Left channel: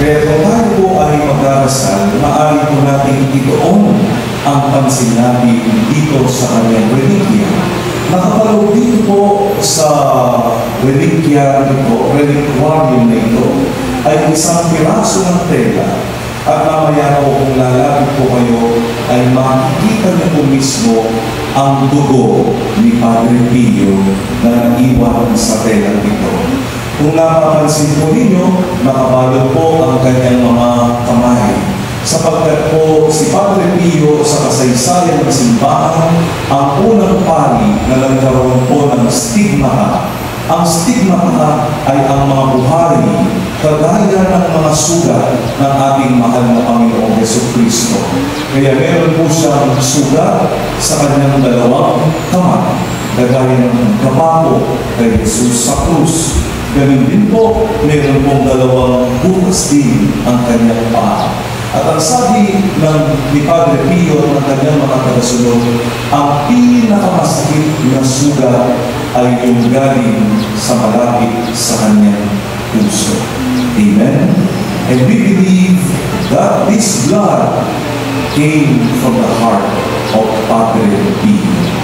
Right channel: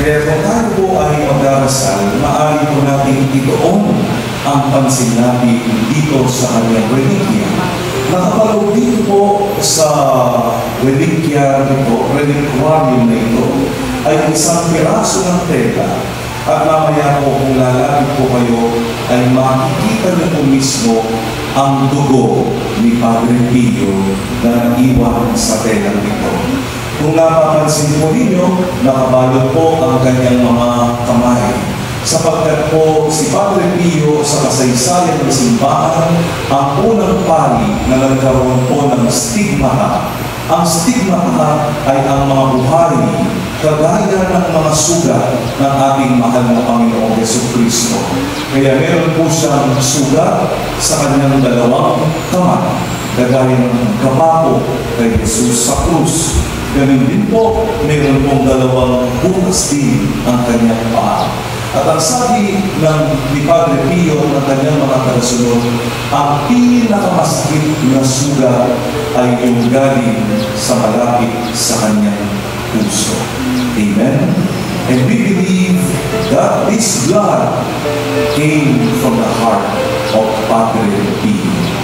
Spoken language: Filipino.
Kaya kung tayo po ay magdarasal, maaari po natin itoon ang pansin natin dito sa kanyang relikya. Nakapaloob dito po sa relikya nito, reliquarium na ito, ay isang piraso ng tela. At mamaya po kung lalapit po kayo, ay makikita niyo po mismo ang dugo ni Padre Pio na naiwan sa tela nito. Kung napapansin po ninyo, nakabalot po ang kanyang mga kamay. Sapagkat po si Padre Pio sa kasaysayan ng simbahan, ang unang pari na nagkaroon po ng stigmata. Ang stigmata ay ang mga buhay, kagaya ng mga sugat ng ating mahal na Panginoong Jesucristo. Kaya meron po siyang sugat sa kanyang dalawang kamay, kagaya ng kapako kay Jesus sa krus. Ganun din po, meron pong dalawang bukas din ang kanyang paa. At ang sabi ni Padre Pio ng kanyang mga tagasunod, ang pinakamasakit na sugat ay yung galing sa malapit sa kanyang puso. Amen? And we believe that this blood came from the heart of Padre Pio.